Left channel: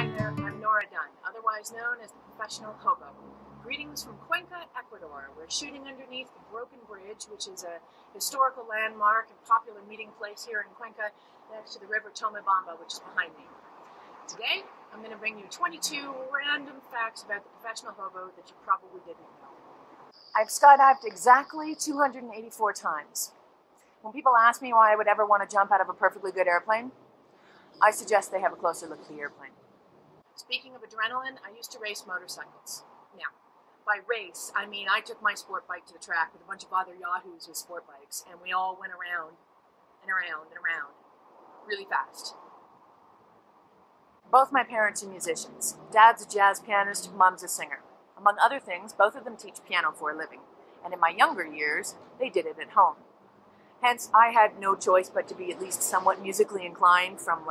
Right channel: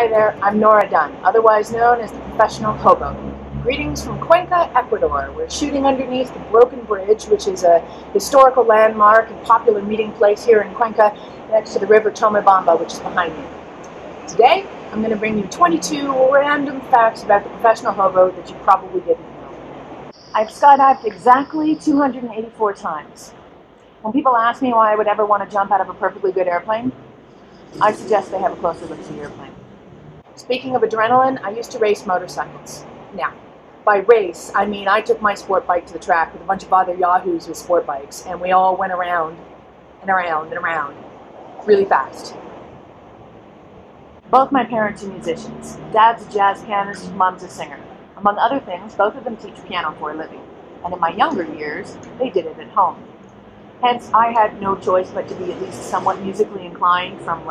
Hi there, I'm Nora Dunn, otherwise known as the Professional Hobo. Greetings from Cuenca, Ecuador. We're shooting underneath the Broken Bridge, which is a historical landmark and popular meeting place here in Cuenca, next to the river Tomebamba, which is behind me. Today, I'm going to bring you 22 random facts about the Professional Hobo that you probably didn't know. I've skydived exactly 284 times. When people ask me why I would ever want to jump out of a perfectly good airplane, I suggest they have a closer look to the airplane. Speaking of adrenaline, I used to race motorcycles. Now, by race, I mean I took my sport bike to the track with a bunch of other yahoos with sport bikes, and we all went around and around and around really fast. Both my parents are musicians. Dad's a jazz pianist, Mom's a singer. Among other things, both of them teach piano for a living, and in my younger years, they did it at home. Hence, I had no choice but to be at least somewhat musically inclined from,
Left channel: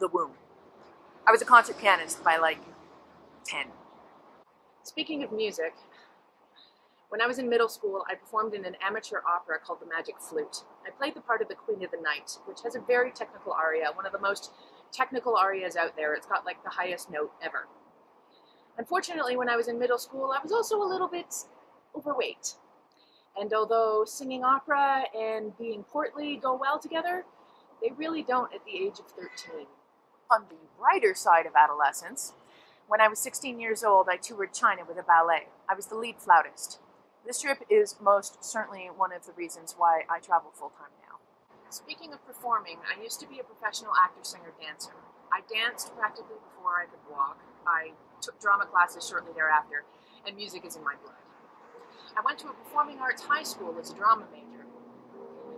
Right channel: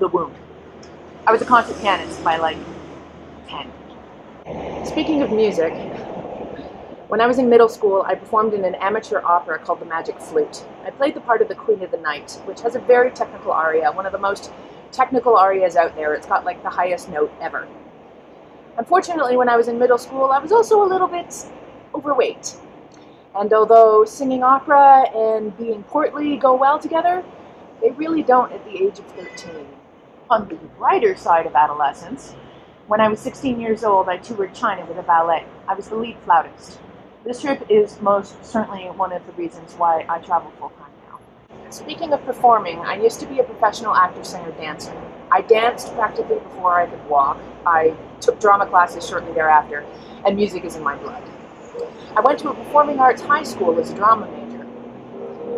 the womb. I was a concert pianist by, 10. Speaking of music, when I was in middle school, I performed in an amateur opera called The Magic Flute. I played the part of the Queen of the Night, which has a very technical aria, one of the most technical arias out there. It's got, the highest note ever. Unfortunately, when I was in middle school, I was also a little bit overweight. And although singing opera and being portly go well together, they really don't at the age of 13. On the brighter side of adolescence, when I was 16 years old, I toured China with a ballet. I was the lead flautist. This trip is most certainly one of the reasons why I travel full-time now. Speaking of performing, I used to be a professional actor, singer, dancer. I danced practically before I could walk. I took drama classes shortly thereafter, and music is in my blood. I went to a performing arts high school as a drama major.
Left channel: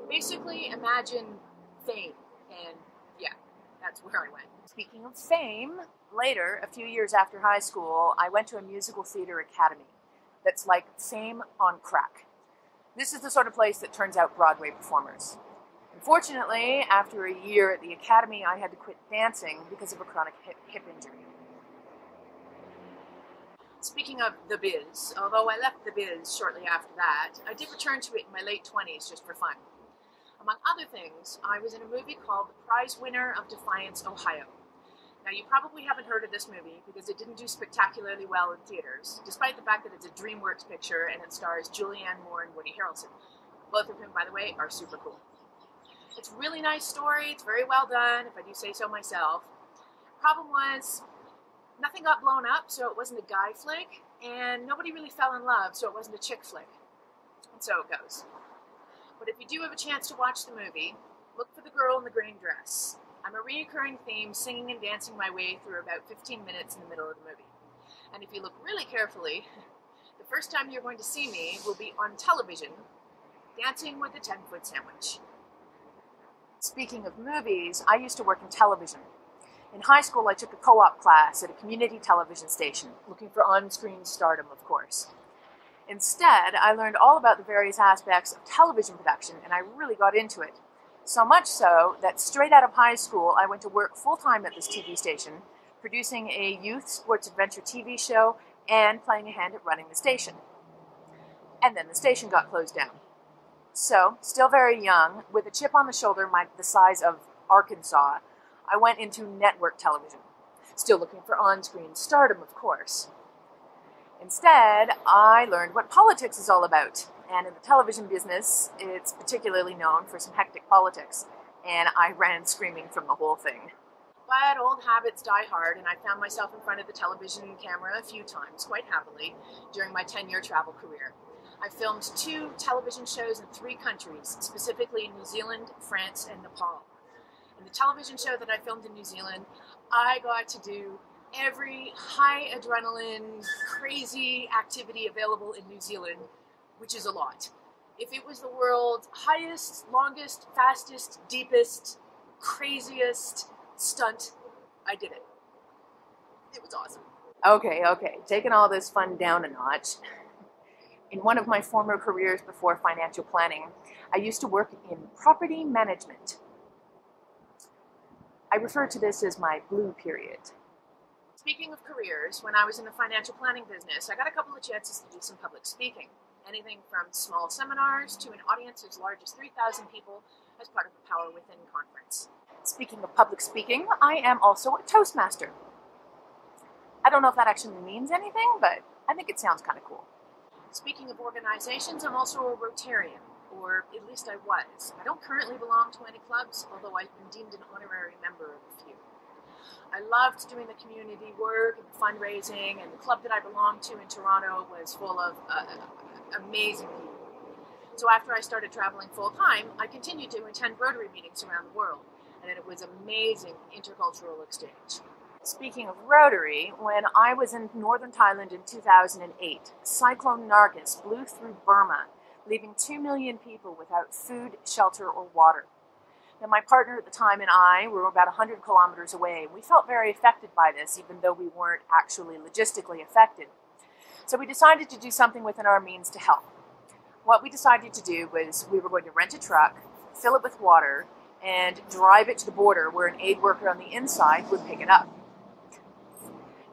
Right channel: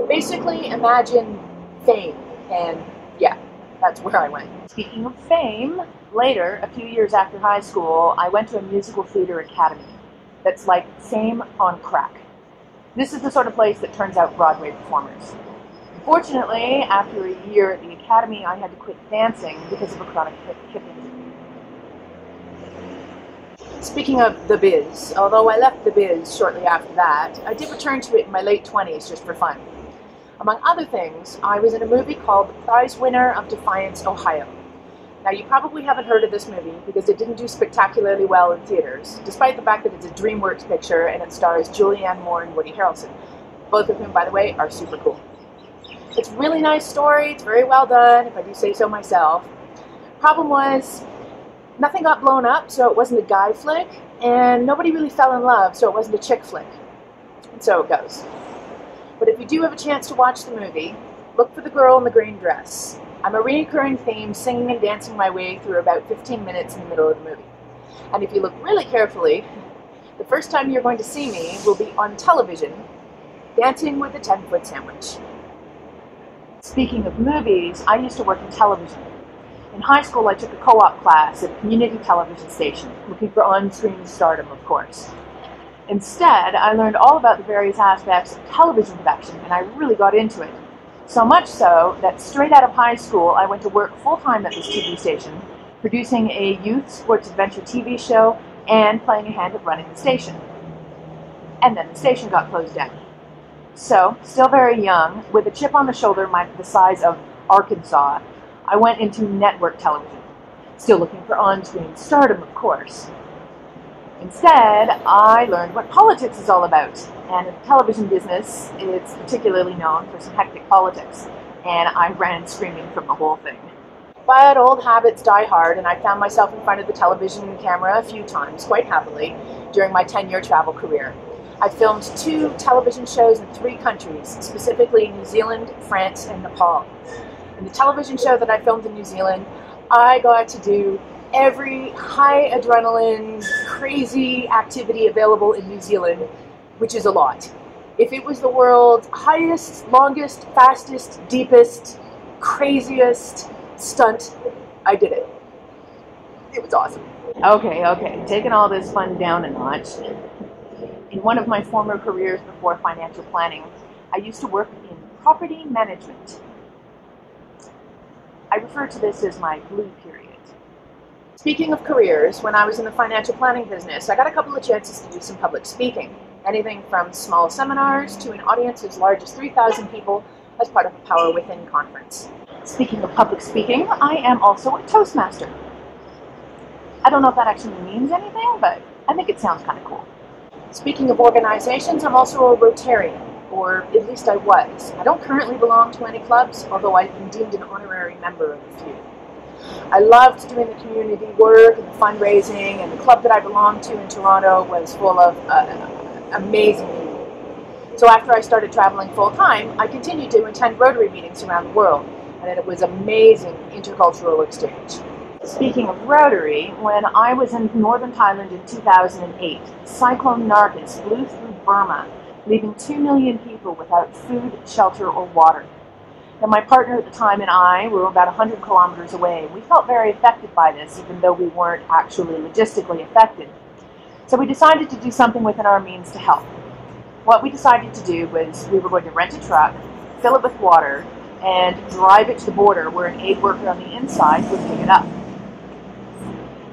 Basically, imagine fame, and yeah, that's where I went. Speaking of fame, later, a few years after high school, I went to a musical theater academy that's like fame on crack. This is the sort of place that turns out Broadway performers. Unfortunately, after a year at the academy, I had to quit dancing because of a chronic hip injury. Speaking of the biz, although I left the biz shortly after that, I did return to it in my late 20s just for fun. Among other things, I was in a movie called The Prize Winner of Defiance, Ohio. Now, you probably haven't heard of this movie because it didn't do spectacularly well in theaters, despite the fact that it's a DreamWorks picture and it stars Julianne Moore and Woody Harrelson, both of whom, by the way, are super cool. It's a really nice story, it's very well done, if I do say so myself. Problem was, nothing got blown up, so it wasn't a guy flick, and nobody really fell in love, so it wasn't a chick flick. And so it goes. But if you do have a chance to watch the movie, look for the girl in the green dress. I'm a recurring theme, singing and dancing my way through about 15 minutes in the middle of the movie. And if you look really carefully, the first time you're going to see me will be on television, dancing with a 10-foot sandwich. Speaking of movies, I used to work in television. In high school, I took a co-op class at a community television station, looking for on-screen stardom, of course. Instead, I learned all about the various aspects of television production, and I really got into it. So much so that straight out of high school, I went to work full-time at this TV station, producing a youth sports adventure TV show and playing a hand at running the station. And then the station got closed down. So, still very young, with a chip on the shoulder the size of Arkansas, I went into network television, still looking for on-screen stardom, of course. Instead, I learned what politics is all about, and in the television business, it's particularly known for some hectic politics, and I ran screaming from the whole thing. But old habits die hard, and I found myself in front of the television camera a few times, quite happily, during my 10-year travel career. I filmed 2 television shows in 3 countries, specifically New Zealand, France, and Nepal. In the television show that I filmed in New Zealand, I got to do every high adrenaline, crazy activity available in New Zealand, which is a lot. If it was the world's highest, longest, fastest, deepest, craziest stunt, I did it. It was awesome. Okay, taking all this fun down a notch. In one of my former careers before financial planning, I used to work in property management. I refer to this as my blue period. Speaking of careers, when I was in the financial planning business, I got a couple of chances to do some public speaking. Anything from small seminars to an audience as large as 3,000 people as part of a Power Within conference. Speaking of public speaking, I am also a Toastmaster. I don't know if that actually means anything, but I think it sounds kind of cool. Speaking of organizations, I'm also a Rotarian, or at least I was. I don't currently belong to any clubs, although I've been deemed an honorary member of a few. I loved doing the community work and the fundraising, and the club that I belonged to in Toronto was full of amazing people. So after I started traveling full-time, I continued to attend Rotary meetings around the world, and it was amazing intercultural exchange. Speaking of Rotary, when I was in northern Thailand in 2008, Cyclone Nargis blew through Burma, leaving 2 million people without food, shelter, or water. Now, my partner at the time and I were about 100 kilometers away. We felt very affected by this, even though we weren't actually logistically affected. So we decided to do something within our means to help. What we decided to do was we were going to rent a truck, fill it with water, and drive it to the border where an aid worker on the inside would pick it up.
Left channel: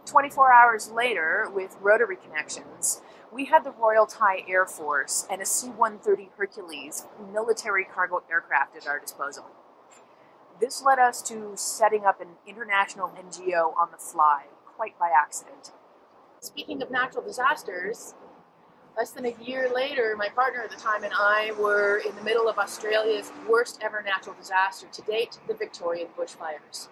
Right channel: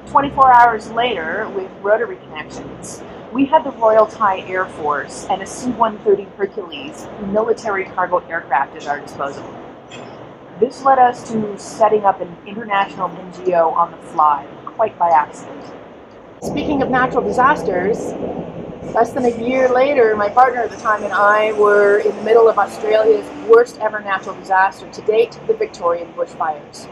24 hours later, with Rotary connections, we had the Royal Thai Air Force and a C-130 Hercules military cargo aircraft at our disposal. This led us to setting up an international NGO on the fly, quite by accident. Speaking of natural disasters, less than a year later, my partner at the time and I were in the middle of Australia's worst ever natural disaster to date, the Victorian bushfires.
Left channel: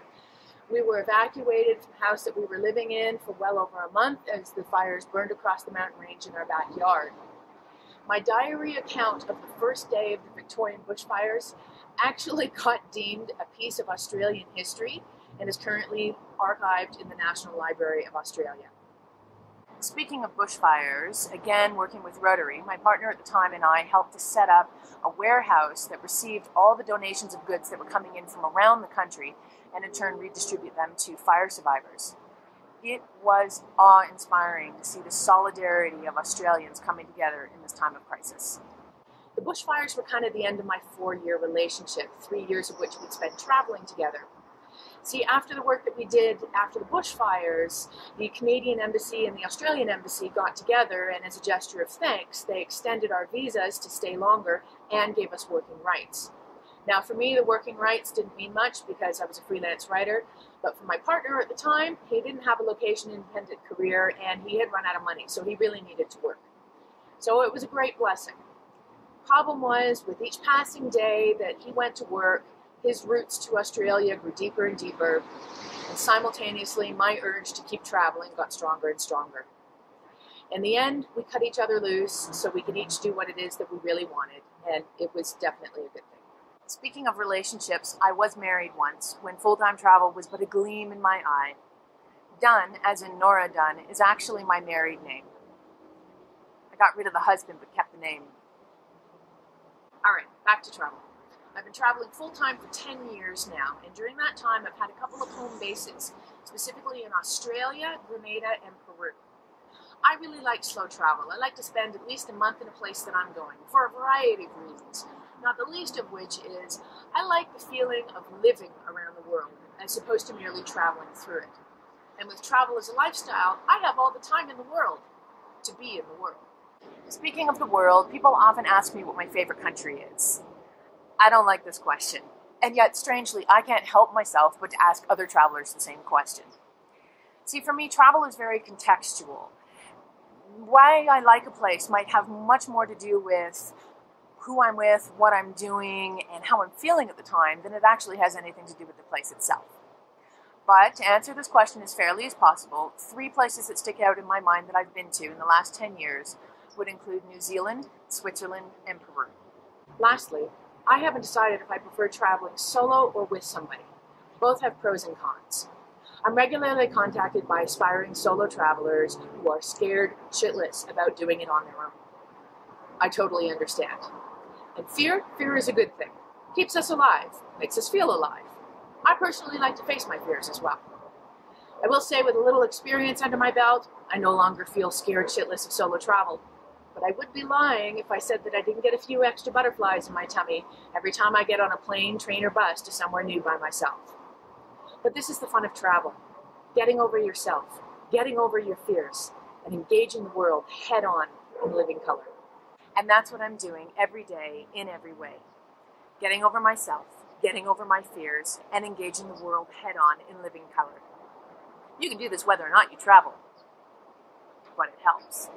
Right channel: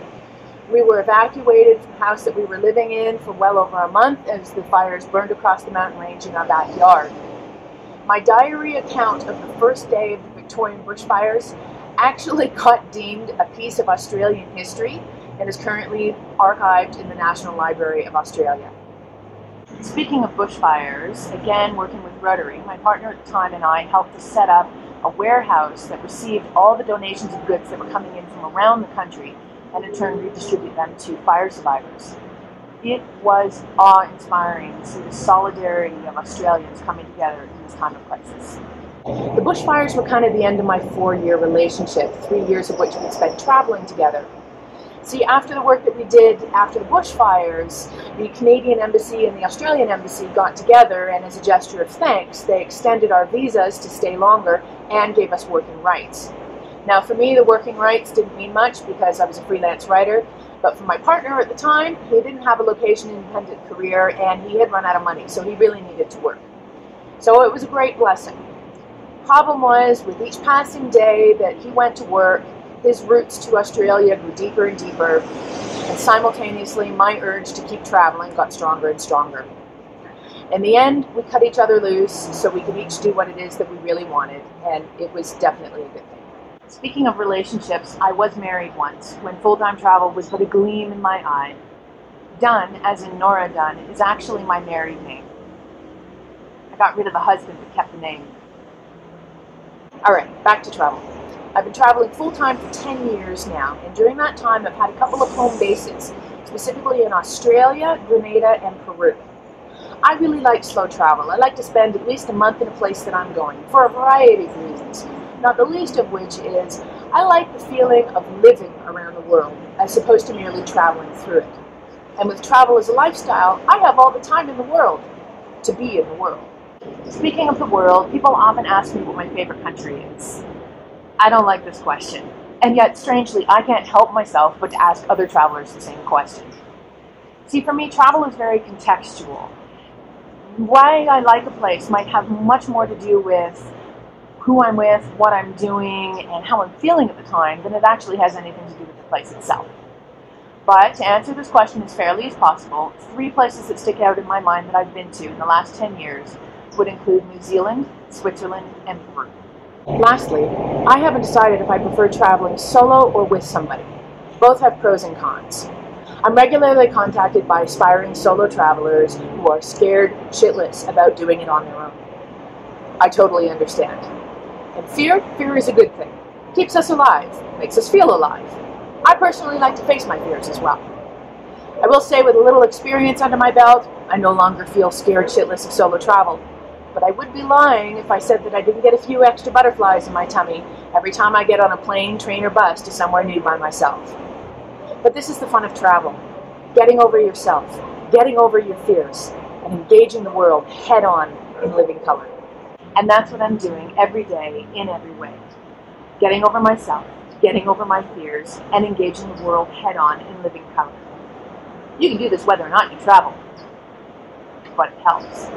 We were evacuated from the house that we were living in for well over a month as the fires burned across the mountain range in our backyard. My diary account of the first day of the Victorian bushfires actually got deemed a piece of Australian history and is currently archived in the National Library of Australia. Speaking of bushfires, again working with Rotary, my partner at the time and I helped to set up a warehouse that received all the donations of goods that were coming in from around the country and in turn redistribute them to fire survivors. It was awe-inspiring to see the solidarity of Australians coming together in this time of crisis. The bushfires were kind of the end of my 4-year relationship, 3 years of which we spent traveling together. See, after the work that we did after the bushfires, the Canadian Embassy and the Australian Embassy got together, and as a gesture of thanks, they extended our visas to stay longer and gave us working rights. Now, for me, the working rights didn't mean much because I was a freelance writer, but for my partner at the time, he didn't have a location-independent career and he had run out of money, so he really needed to work. So it was a great blessing. Problem was, with each passing day that he went to work, his roots to Australia grew deeper and deeper, and simultaneously my urge to keep traveling got stronger and stronger. In the end, we cut each other loose so we could each do what it is that we really wanted, and it was definitely a good thing. Speaking of relationships, I was married once, when full-time travel was but a gleam in my eye. Dunn, as in Nora Dunn, is actually my married name. I got rid of the husband but kept the name. Alright, back to travel. I've been traveling full-time for 10 years now, and during that time I've had a couple of home bases, specifically in Australia, Grenada, and Peru. I really like slow travel. I like to spend at least a month in a place that I'm going, for a variety of reasons. Not the least of which is, I like the feeling of living around the world, as opposed to merely traveling through it. And with travel as a lifestyle, I have all the time in the world to be in the world. Speaking of the world, people often ask me what my favorite country is. I don't like this question, and yet, strangely, I can't help myself but to ask other travelers the same question. See, for me, travel is very contextual. Why I like a place might have much more to do with who I'm with, what I'm doing, and how I'm feeling at the time than it actually has anything to do with the place itself. But to answer this question as fairly as possible, 3 places that stick out in my mind that I've been to in the last 10 years would include New Zealand, Switzerland, and Peru. Lastly, I haven't decided if I prefer traveling solo or with somebody. Both have pros and cons. I'm regularly contacted by aspiring solo travelers who are scared shitless about doing it on their own. I totally understand. And fear is a good thing. Keeps us alive, makes us feel alive. I personally like to face my fears as well. I will say, with a little experience under my belt, I no longer feel scared shitless of solo travel. But I would be lying if I said that I didn't get a few extra butterflies in my tummy every time I get on a plane, train, or bus to somewhere new by myself. But this is the fun of travel. Getting over yourself, getting over your fears, and engaging the world head-on in living color. And that's what I'm doing every day, in every way. Getting over myself, getting over my fears, and engaging the world head-on in living color. You can do this whether or not you travel, but it helps.